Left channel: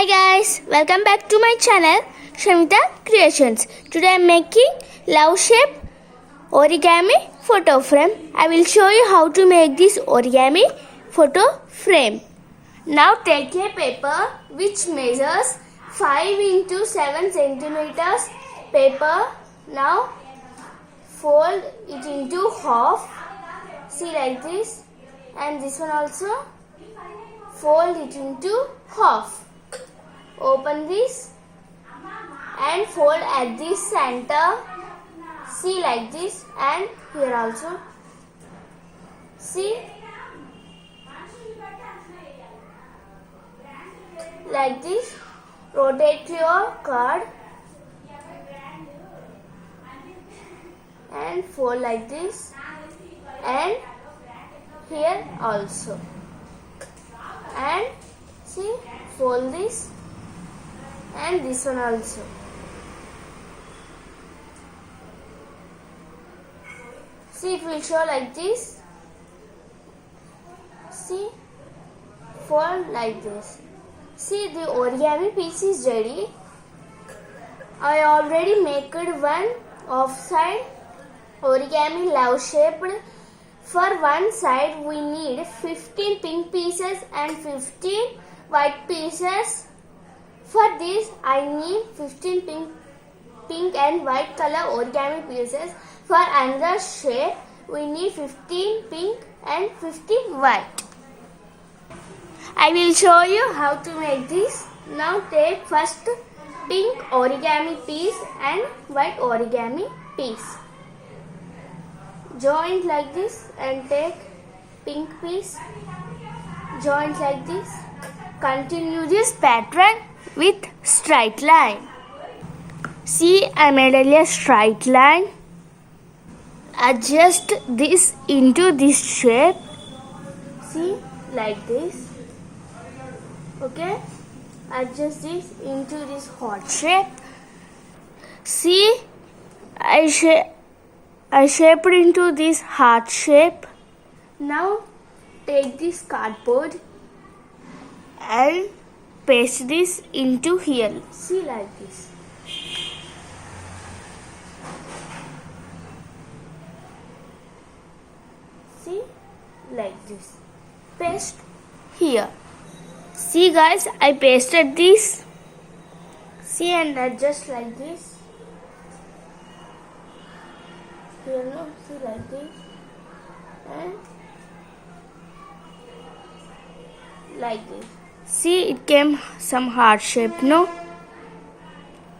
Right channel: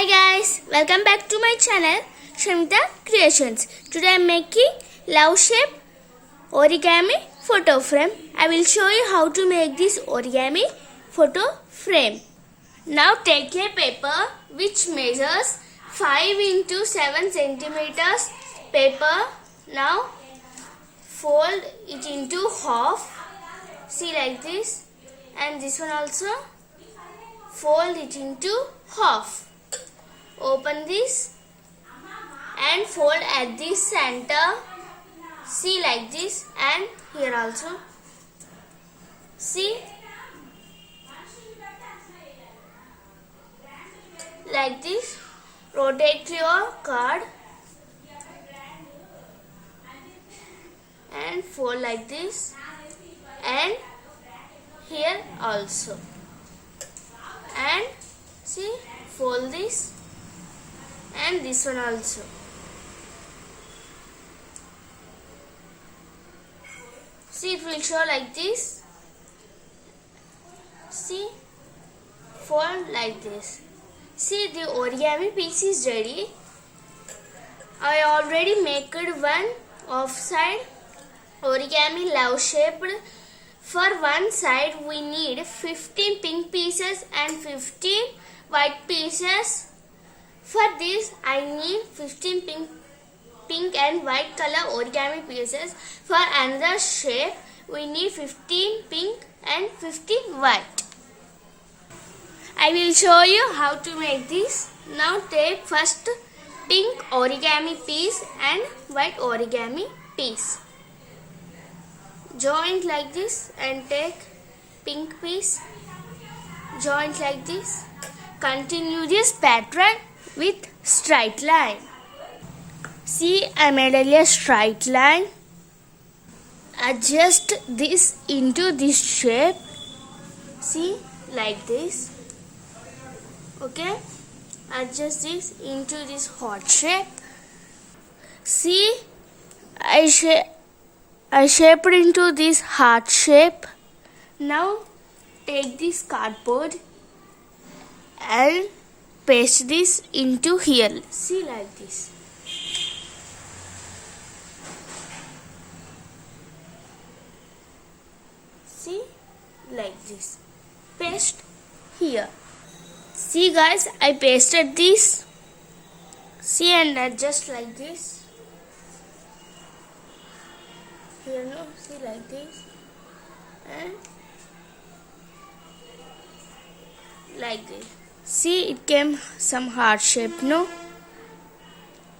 Hi guys, welcome back to my channel Shamita Creations. Today I am making love shape origami photo frame. I will show you how to make this origami photo frame. Now take a paper which measures 5 into 7 centimeters paper. Now fold it into half. See like this, and this one also fold it into half. Open this and fold at the center. See like this, and here also. See like this. Rotate your card and fold like this, and here also. And see, fold this and this one also. See, it will show like this. See, fold like this. See, the origami piece is ready. I already made one offside origami love shaped. For one side we need 15 pink pieces and 15 white pieces. For this I need 15 pink and white color origami pieces. For another shape we need 15 pink and 15 white. I will show you how to make this. Now take first pink origami piece and white origami piece. Join like this and take pink piece. Join like this. Continue this pattern with straight line. See, I made a straight line. Adjust this into this shape. See, like this. Okay, adjust this into this heart shape. See, I shaped into this heart shape. Now take this cardboard and paste this into here. See, like this. See, like this. Paste here. See guys, I pasted this. See, and adjust like this. Here, no, see, like this, and like this. See, it came some heart shape, no?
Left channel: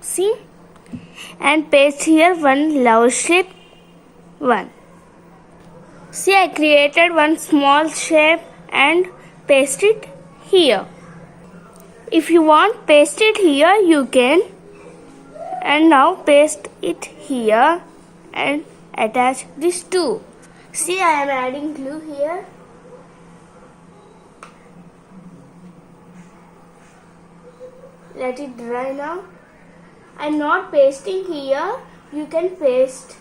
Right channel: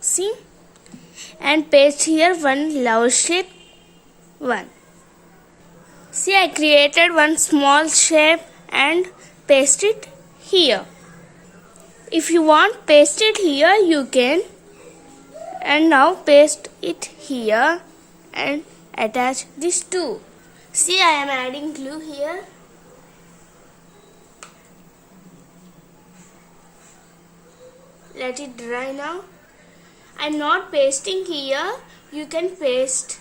See, and paste here one love shape, one. See, I created one small shape and paste it here. If you want paste it here, you can. And now paste it here and attach this too. See, I am adding glue here. Let it dry now. I am not pasting here. You can paste.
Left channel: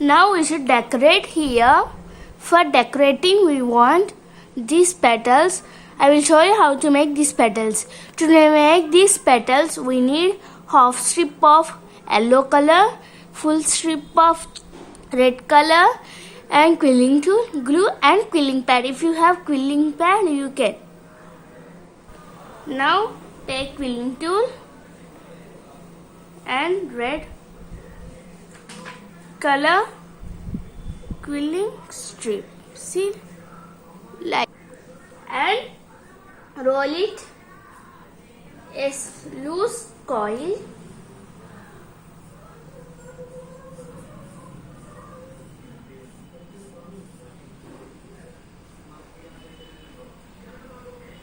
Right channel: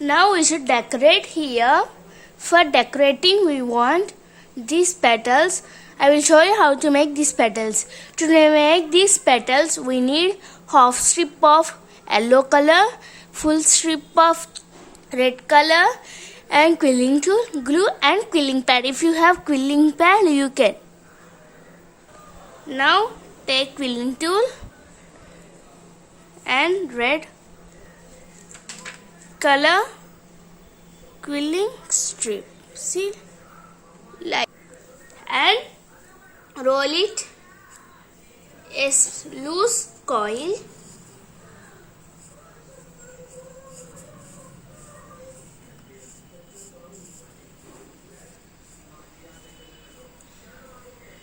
Now we should decorate here. For decorating we want these petals. I will show you how to make these petals. To make these petals we need half strip of yellow color, full strip of red color, and quilling tool, glue and quilling pad. If you have quilling pad, you can. Now take quilling tool and red color quilling strip. See, like, and roll it a loose coil.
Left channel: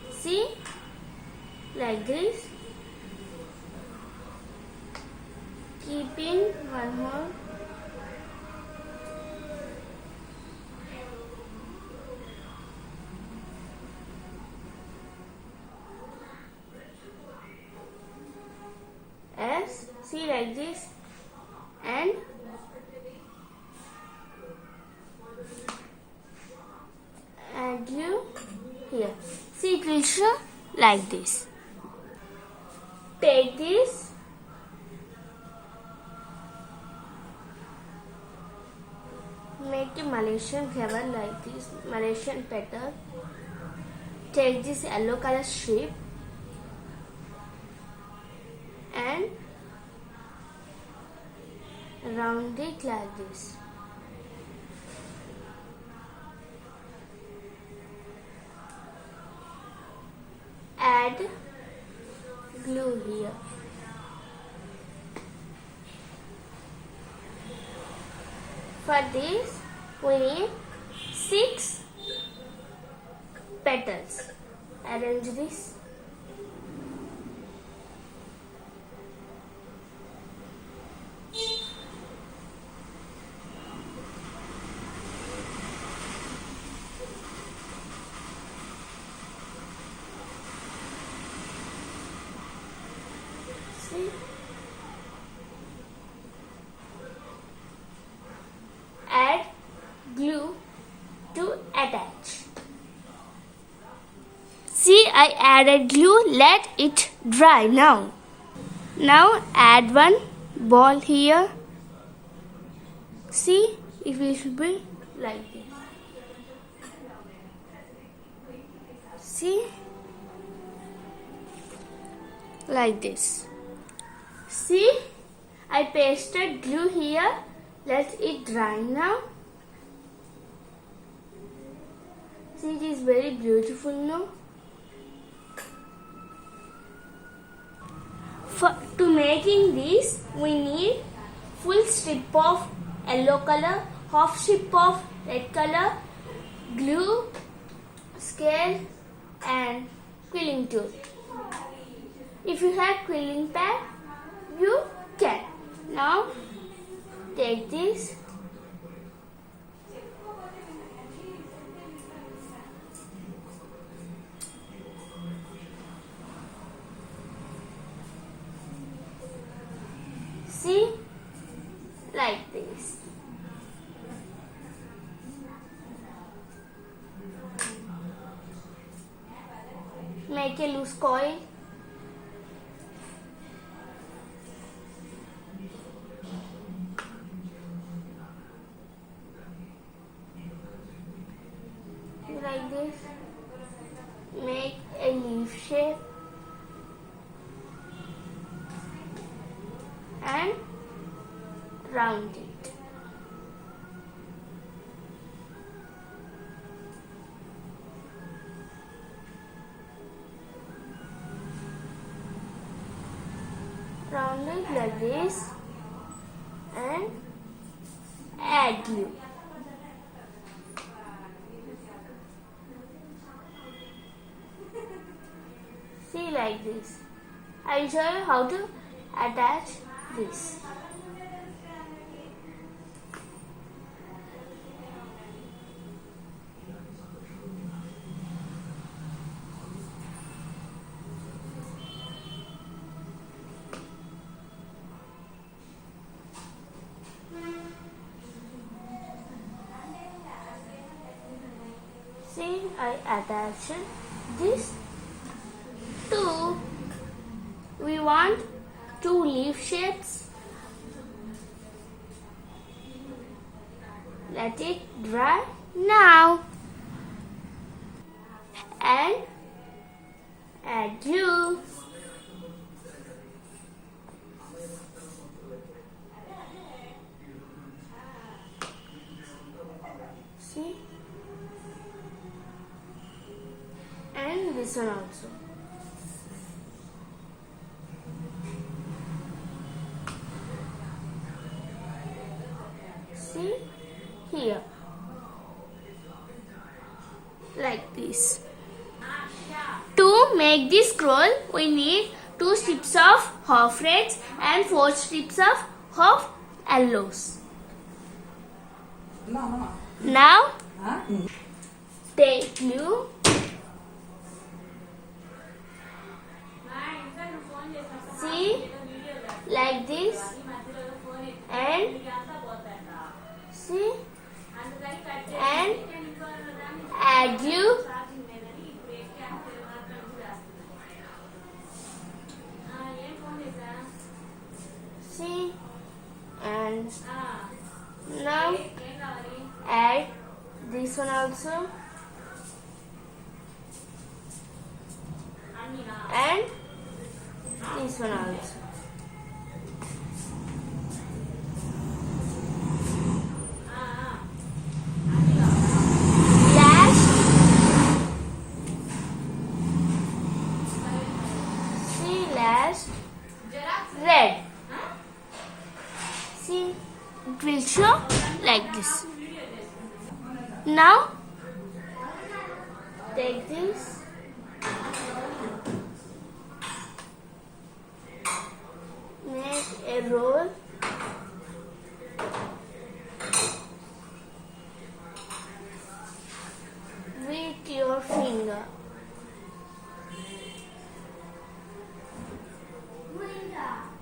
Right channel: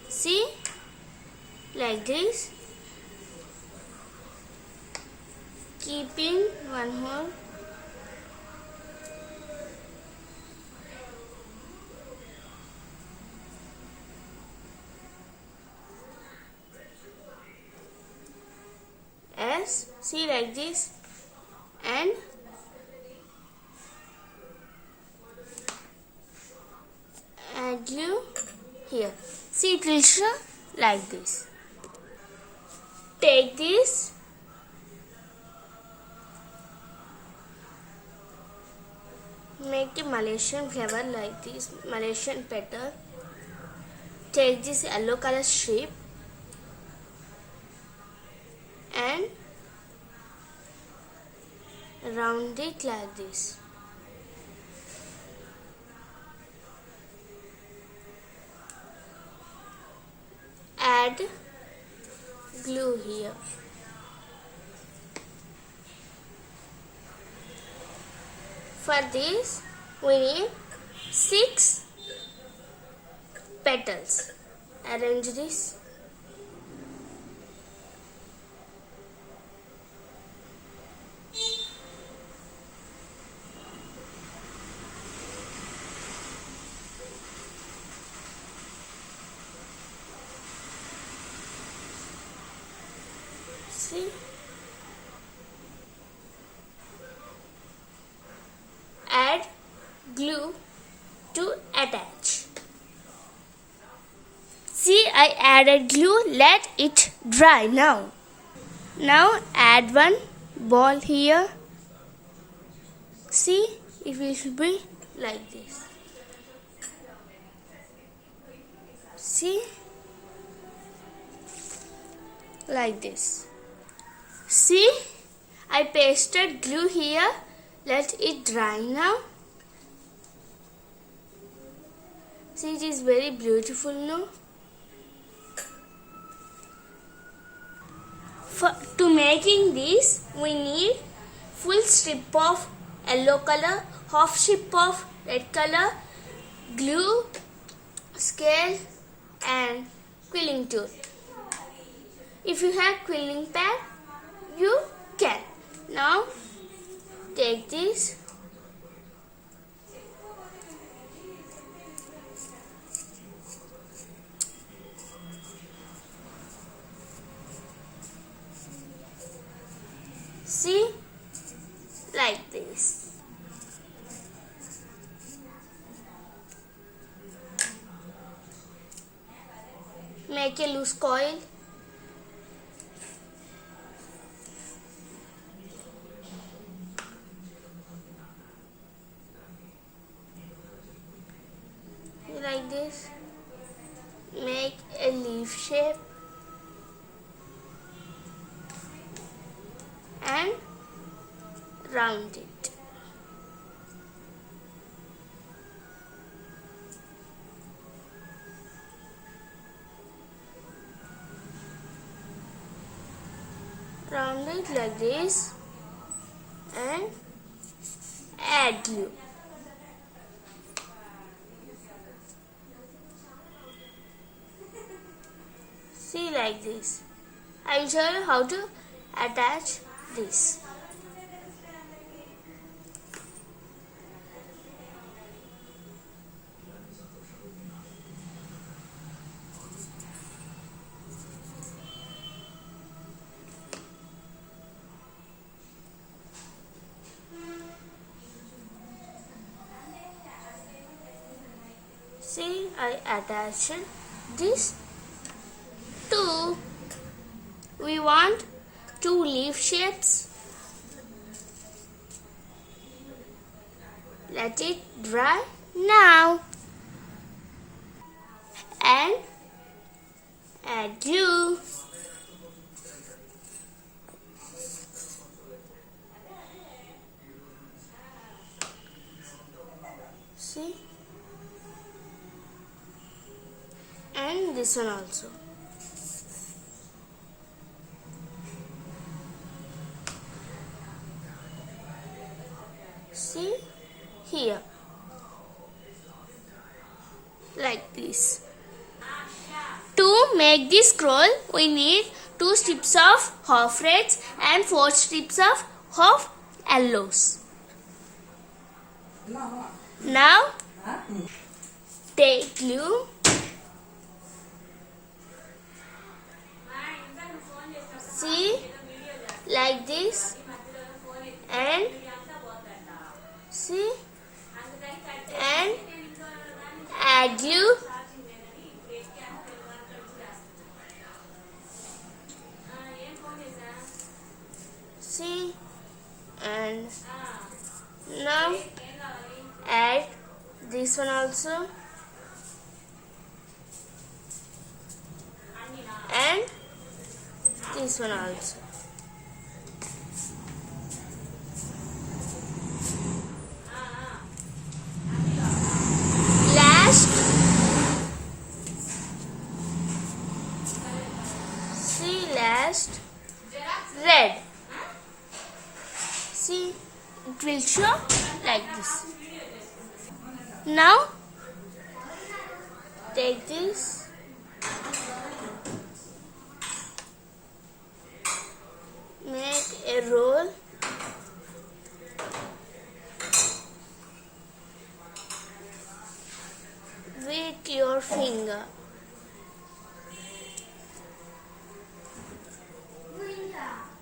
See, like this. Keeping one hole. See, like this, and add glue here. See, it will show like this. Take this. Make the Malaysian flower like this, Malaysian petal. Take this yellow color strip and round it like this. Add glue here. For this, we need 6 petals. Arrange this. See? Add glue to attach. See, I added glue. Let it dry now. Now add one ball here. See, it will be like this. See? Like this. See, I pasted glue here. Let it dry now. See, it is very beautiful now. To making this, we need full strip of yellow color, half strip of red color, glue, scale and quilling tool. If you have quilling pad, you can. Now take this. See, like this. Make a loose coil. Like this. Make a leaf shape and round it. Round it like this and add glue. See, like this. I will show you how to attach this. See, I attached this. 2. We want 2 leaf shapes. Let it dry now. And add glue. See? And this one also. See here, like this. To make this scroll, we need 2 strips of half reds and 4 strips of half yellows. Now, take glue. See, like this, and see, and add glue And now add this one also. And this one also. Last red. See, it will show like this. Now take this. Make a roll. With your finger.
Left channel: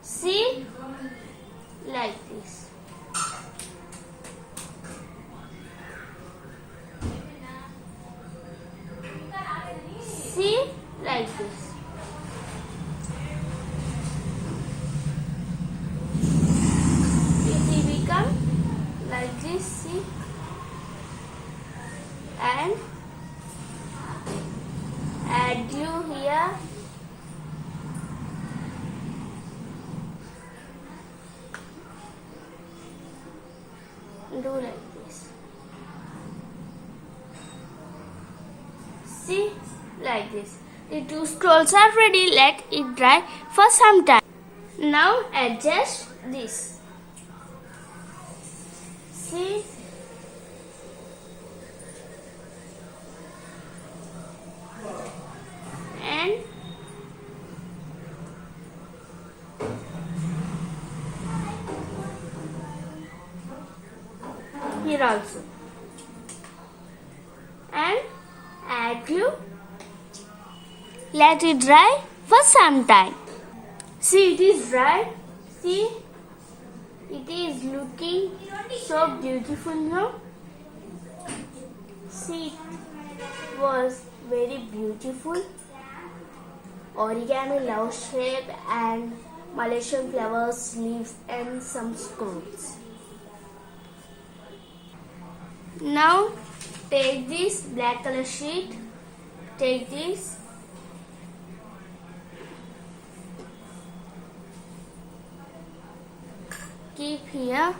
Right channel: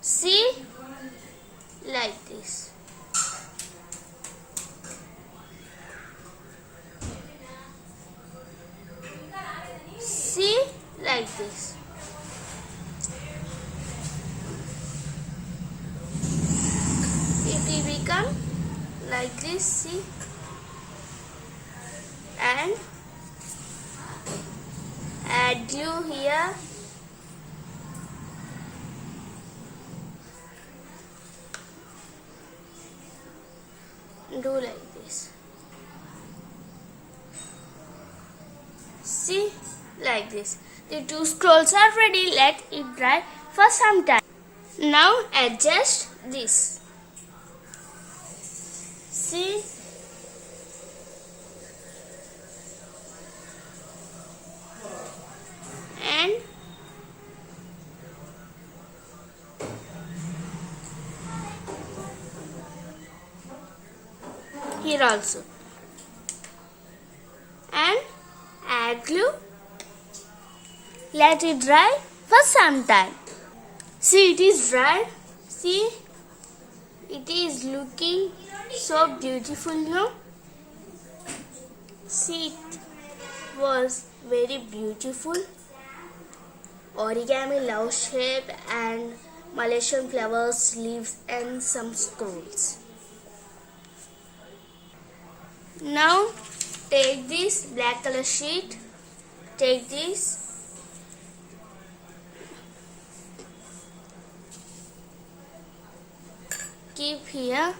See, like this. See, like this. It will become like this, see. And add glue here. Do like this. See, like this. The two scrolls are ready. Let it dry for some time. Now adjust this. See, and here also. And add glue. Let it dry for some time. See, it is dry. See, it is looking so beautiful now. See, it was very beautiful. Origami love shape and Malaysian flowers, leaves and some scrolls. Now take this black color sheet, take this, keep here,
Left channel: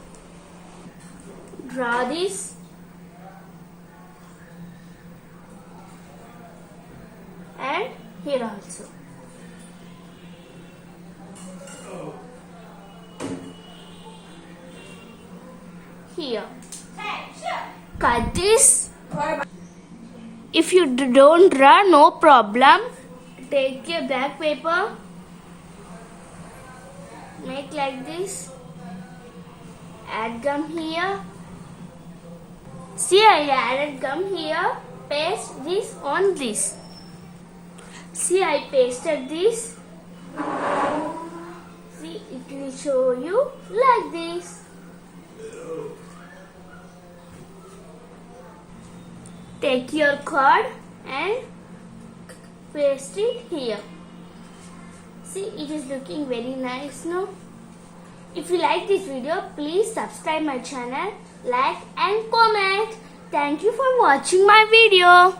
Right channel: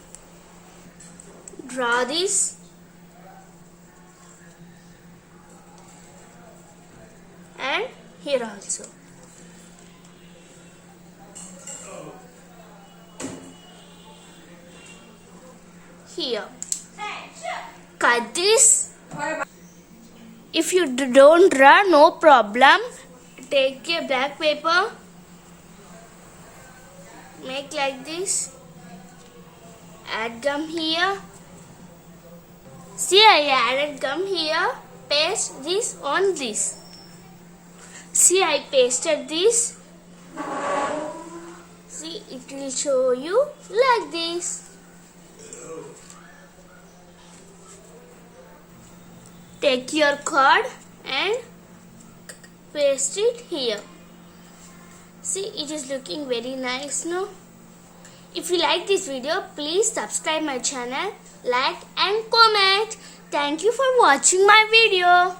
draw this, and here also. Here. Cut this. If you don't draw, no problem. Take a black paper. Make like this. Add gum here. See, I added gum here. Paste this on this. See, I pasted this. See, it will show you like this. Take your card and paste it here. See, it is looking very nice now. If you like this video, please subscribe my channel, like and comment. Thank you for watching my video.